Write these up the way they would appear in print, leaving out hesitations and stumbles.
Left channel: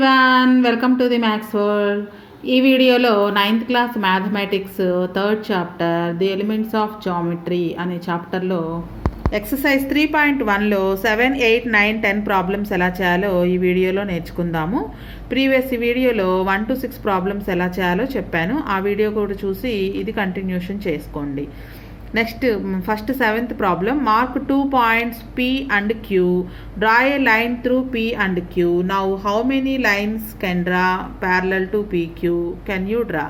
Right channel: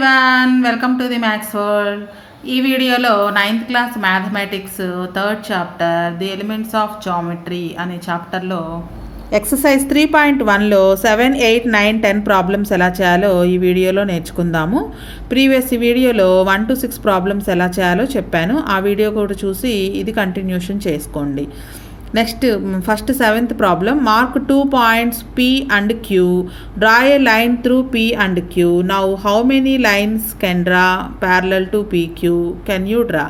Everyone, welcome to the maths world. ఈ వీడియోలో 9th class mathematics 3rd chapter the elements of geometry అనే చాప్టర్లో exercise 3.1లో 7, 8, 9, 10 problems ఎలా చేయాలో ఈ వీడియోలో నేర్చుకుందాము. ప్రీవియస్ ఈ వీడియోలో 1 to 6 ప్రాబ్లమ్స్ ఎలా చేయాలో చెప్పాను. ఆ వీడియో కూడా చూసి ఇది కంటిన్యూషన్ చేసుకోండి. Next first 7th problem. Mark 2 points P and Q. Draw a line through P and Q. Now how many lines can draw parallel to PQ? Can you draw?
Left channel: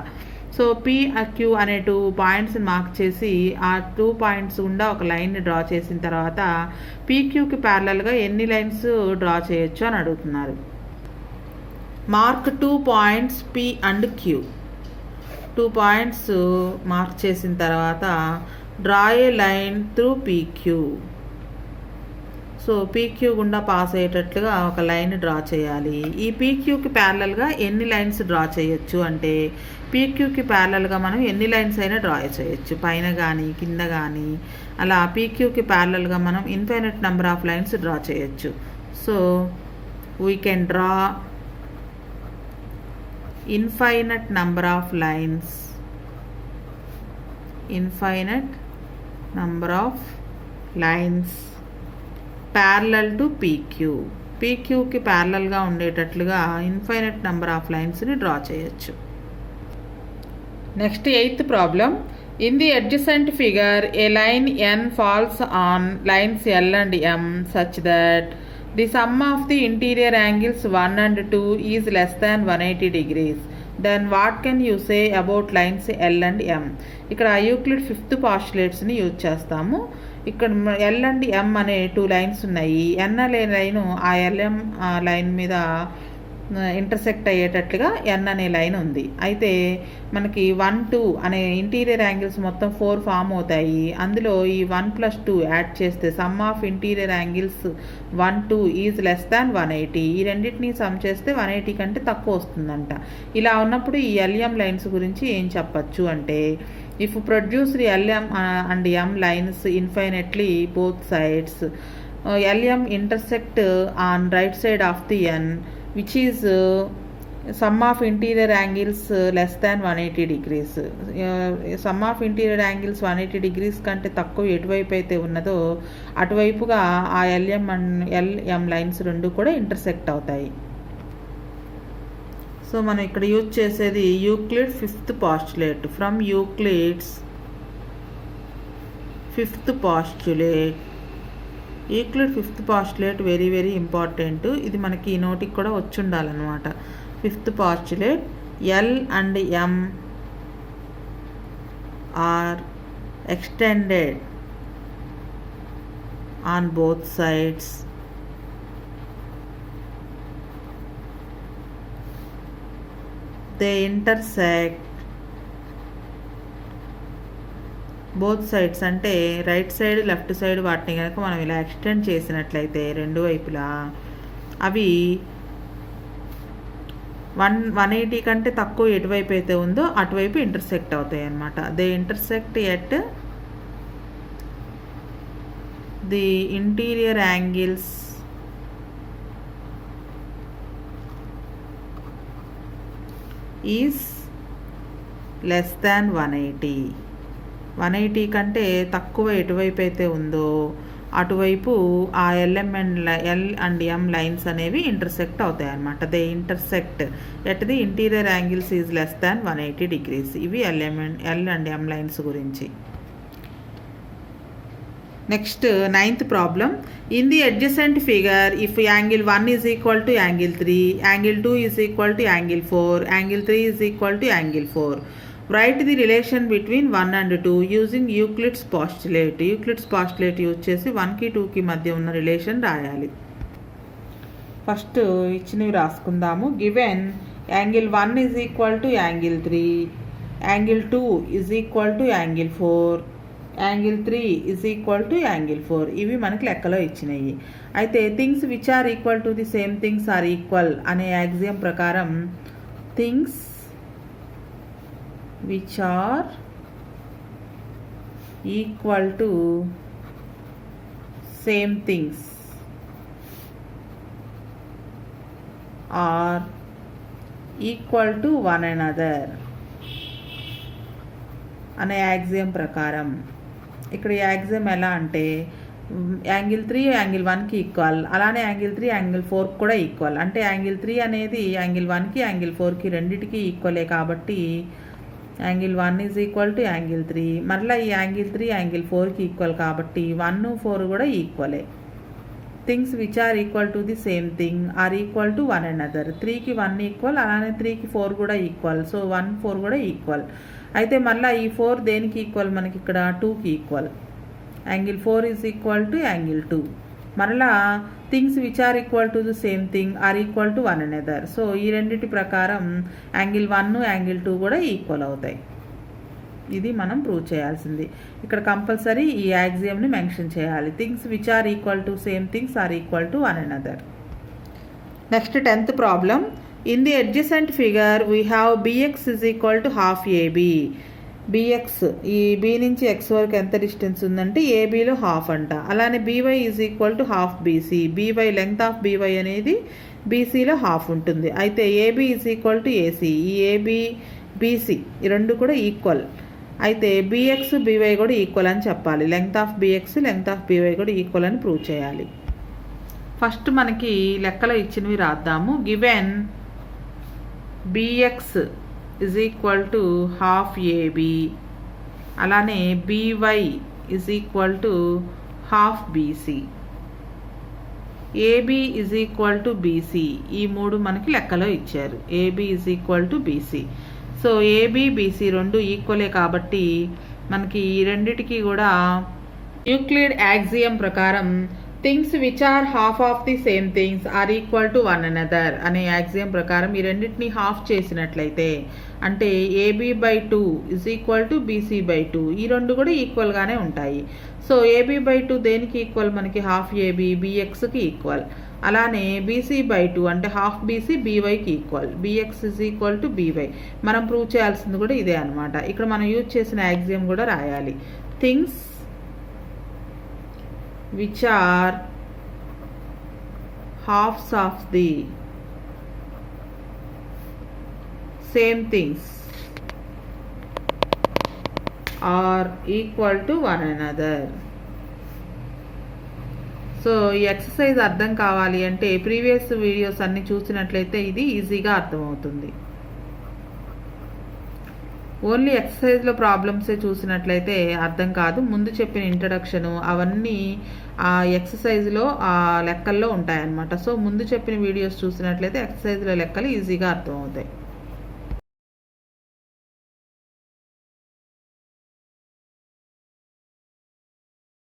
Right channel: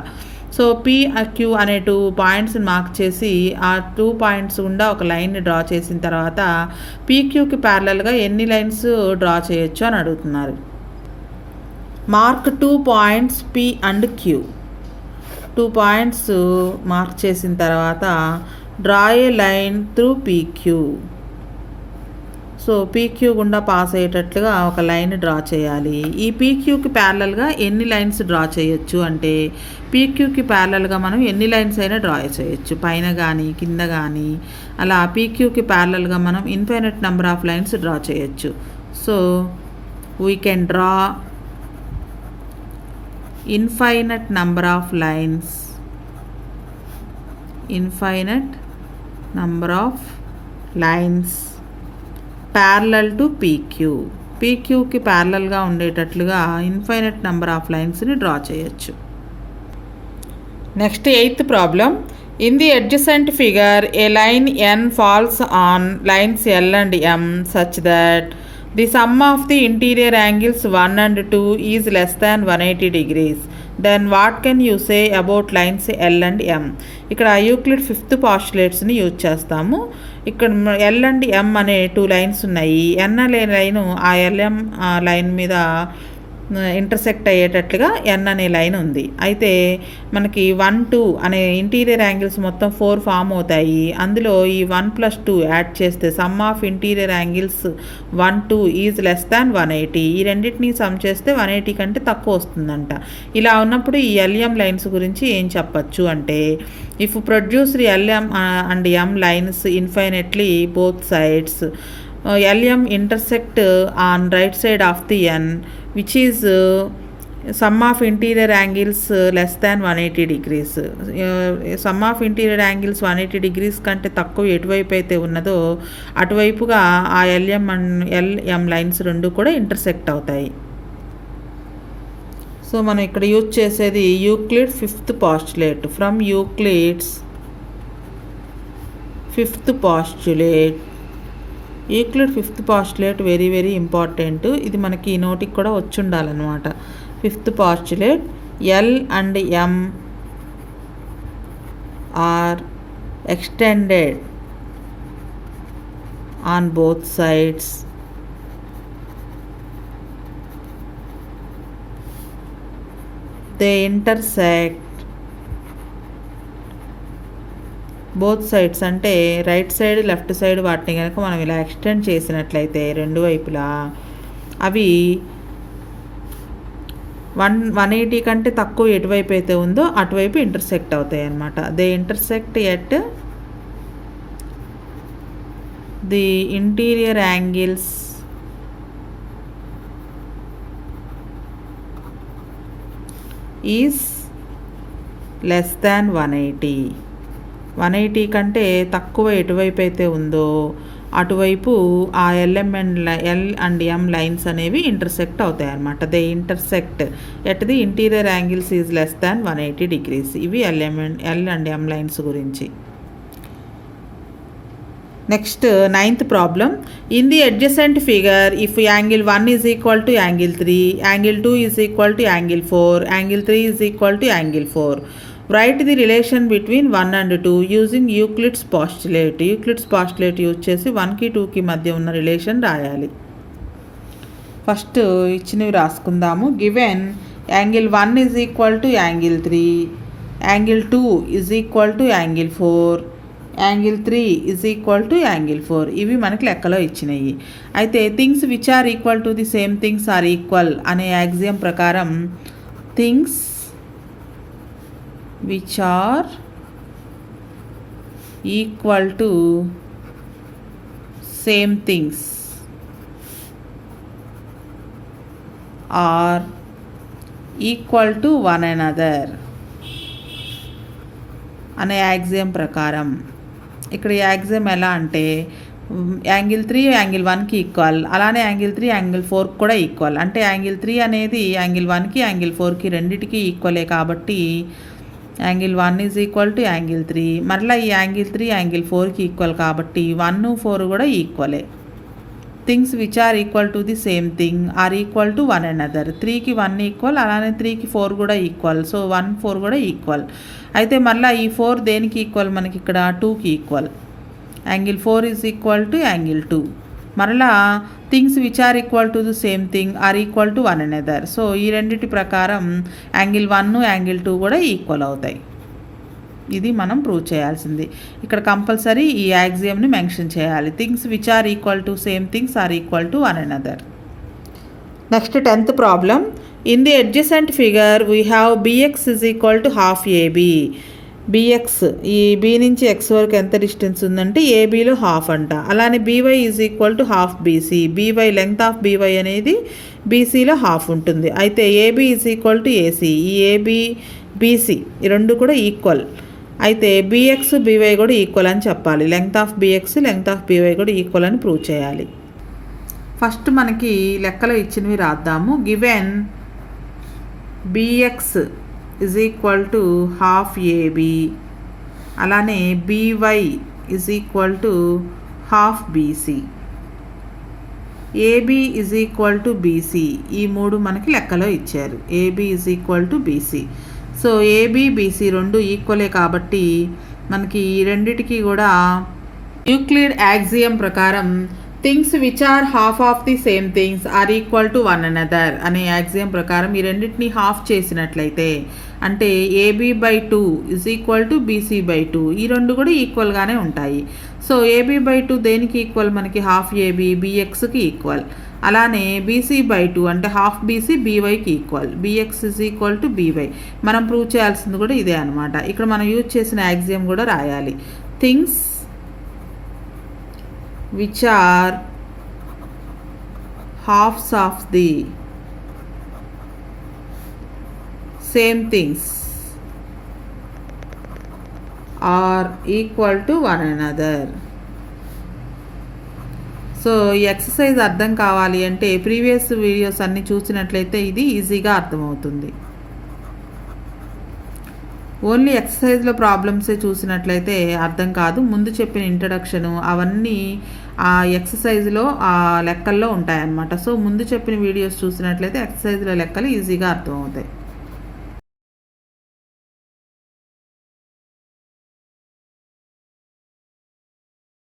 So P Q అనే 2 points mark చేసి ఆ 2 points గుండా ఒక line draw చేసిన తర్వాత PQకి ప్యారలల్గా ఎన్ని lines draw చేయొచ్చు అని అడుగుతున్నారు. Mark 2 points P and Q. 2 points mark చేసిన తర్వాత డ్రా ఏ line through PQ. So PQ గుండా పాస్ అయ్యేటట్లుగా ఒక లైన్ డ్రా చేయాలి. ఈ PQకి ప్యారలల్గా ఎన్ని లైన్స్ డ్రా చేయొచ్చు అంటే PQకి ప్యారలల్గా మనం ఎన్ని లైన్స్ అయినా డ్రా చేయొచ్చు, పైన కానీ కింద కానీ. అలా PQకి ప్యారలల్గా మనం infinite number of lines draw చేయొచ్చు. So we can draw infinite number of lines parallel to PQకి ప్యారలల్గా ఉండేటట్లుగా ఇన్ఫైనైట్ నెంబర్ ఆఫ్ లైన్స్ని డ్రా చేయొచ్చు. Next 8th problem. In the adjacent figure a line N falls on lines L and M such that the sum of the interior angles 1 and 2 is less than 180 degrees. Then what can you say about lines L and M? ఇక్కడ Euclid 5th postulates-ని use చేస్తాము. ఇక్కడ L and M అనే 2 lines ఉన్నాయి. N అనే line ఆ LM line మీద intersect అయ్యేటట్లుగా N అనే line ఉంది. అయితే మనకి 1, 2 అనే ఇంటీరియర్ యాంగిల్స్ మొత్తం 4 ఫామ్ అవుతాయి. అందులో ఈ 1 + 2 యాడ్ చేస్తే some of interior angles 1, 2 is less than 180. ఈ రెండింటిని సమ్ చేస్తే 180 కంటే తక్కువ వస్తుందంట. ఇలా ఉన్నప్పుడు ఈ LM లైన్స్ గురించి ఏం చెప్పచ్చు అంటే, if produced LM and M lines infinitely both sides, LM intersect on right side of the N which is sum of interior angles less than 180 degrees. Some of interior angles 180 degrees కంటే తక్కువ ఎటువైపు అయితే ఉన్నదో అటువైపుగా ఆ LM and LM lines రెండు కూడా intersect అవుతాయి. సో మనం ఇక్కడ యూజ్ చేసేది Euclid 5th postulate. From Euclid's 5th postulate. Euclid 5th postulate very very important. ఇది మనకి నోటికి కూడా వచ్చి ఉండాలన్నమాట. 5th postulate. L and M are extended on both sides. They intersect both sides అంటే రైట్ సైడ్ లెఫ్ట్ సైడ్ వాటిని కనుక మనం ఇలా ఎక్స్టెండ్ చేసినట్లయితే రెండు వైపులా అవి 180 కంటే తక్కువ ఎటువైపు అయితే ఉందో అటువైపు ఇంటర్సెక్ట్ అవుతాయి అన్నమాట. They intersect at the interior angles is less than 180. 180 కంటే తక్కువ ఎటువైపు అయితే ఉందో అటువైపు ఆ L అండ్ M లైన్స్ అనేవి ఇంటర్సెక్ట్ అవుతాయి అన్నమాట. They intersect at the interior angles is less than 180 degrees. ఇవి L అండ్ M లైన్స్ గురించి. Next 9th problem. In the adjacent figure if angle 1 is equal to angle 3, angle 2 is equal to angle 4, angle 3 is equal to angle 4. Right the relation between 1 and 2 using Euclid's postulate. Euclid's postulate use చేసి 1కి 2కి మధ్య ఉన్న relation రాయాలి. First ఇచ్చినవి రాసుకుందాము. Given angle 1 is equal to angle 3, angle 2 is equal to angle 4, angle 3 is equal to angle 4. ఇవి మనకి లెక్కలో ఇచ్చినాయి. అయితే things which are equal to the same things are equal అనే యాక్సియం ప్రకారం things which are equal to same things are equal to one another అనే axiom ప్రకారం. ఇక్కడ యాక్సియం ఎలా అంటే యాంగిల్ 3 యాంగిల్ 1కి ఈక్వల్, అలానే యాంగిల్ 3 యాంగిల్ 4కి కూడా ఈక్వల్. అంటే యాంగిల్ 3 అనేది యాంగిల్ 1కి యాంగిల్ 4కి రెండిటికి ఈక్వలే కాబట్టి angle 1 is equal to angle 3. మరలా ఈ యాంగిల్ 3 యాంగిల్ 4కి ఈక్వల్ కాబట్టి 1, 4 కూడా ఈక్వలే. Things which are equal to the same thing are equal to one another. 3కి 1 ఈక్వల్, అలానే 3కి 4 కూడా ఈక్వల్. సో 1, 4 కూడా ఈక్వల్. అయితే మళ్ళీ ఈ 4 దేనికి ఈక్వల్, మనకి ఇక్కడ 2కి equal. Angle 4 is equal to angle 2. మరలా things which are equal to the same thing are equal to one another. So ఈ రెండిటి ప్రకారం యాంగిల్ 1, యాంగిల్ 2 కూడా ఈక్వల్ అవుతాయి. ఇది మనం ప్రూవ్ చేయాల్సింది. ఇక్కడ కంపల్సరీ ఈ యాక్సియంని మెన్షన్ చేయాలి. Things which are equal to same things are equal to one another. Next 10th problem. In the adjacent figure we have bx is equal to half AB. BX, ఈ B నుంచి X వరకు ఎంత distance ఉందంటే ఏబీలో half అంట. అలానే BY is equal to half BC. BY length of BY అనేది బీసీలో హాఫ్ ఉంటుంది. అయితే AB is equal to AC. ఈ ఏబీ బీసీ ఈ రెండు కూడా ఈక్వల్. అయితే బిఎక్స్ బీవై కూడా ఈక్వల్ అని చెప్పాలి. Length of BX length of BY కూడా ఈక్వల్ అని ప్రూవ్ చేయాలి. ఫస్ట్ మనకి లెక్కలో ఇచ్చినవి రాద్దాము. Given BX is equal to half AB, అలానే BY is equal to half BC, AB is equal to BC. ఈ మూడు మనకి లెక్కలో ఇచ్చారు. AB is equal to BC. So AB BC రెండు ఈక్వలే కాబట్టి మనకి ఈ రెండిటికి కూడా యూక్లిడ్ యాక్సియం ప్రకారం things which are half of the same things are equal to one another అనే యాక్సియం ప్రకారం ఈ రెండింటిని హాఫ్ చేసినట్లయితే అంటే AB by 2 is equal to BC by 2. ఈ రెండు కూడా ఈక్వల్గానే ఉంటాయి. సో ఏబీ బై 2 దేనికి ఈక్వల్, మనకి హాఫ్ ఏబీ బిఎక్స్కి ఈక్వల్. అలానే బీసీ బై 2 అంటే హాఫ్ బీసీ బీవైకి equal. BX is equal to BY. మనం ప్రూవ్ చేయాల్సింది కూడా ఇదే అనమాట. ఇక్కడ మనం యూజ్ చేసిన యాక్సియం కూడా రాయాలి. Things which are halves of the same things are equal to one another. So ఈ ఎక్సర్సైజ్ అర్థం కావాలి అంటే ప్రీవియస్ వీడియోస్ అన్నీ చూసినట్లయితే ఇది ఈజీగా అర్థమవుతుంది. ఓన్లీ ఎక్సర్సైజ్లో ప్రాబ్లమ్సే చూసినట్లయితే అర్థం కాదు. ముందు చెప్పిన ఇంట్రడక్షను అవన్నీ ఆ ఎక్సర్సైజ్లో ఆ లెక్కల్లో ఉంటాయన్నమాట. సో ముందు చెప్పిన వీడియోస్ చూసినట్లయితే ఎక్సర్సైజ్లో లెక్కలు ఈజీగా అర్థమవుతాయి.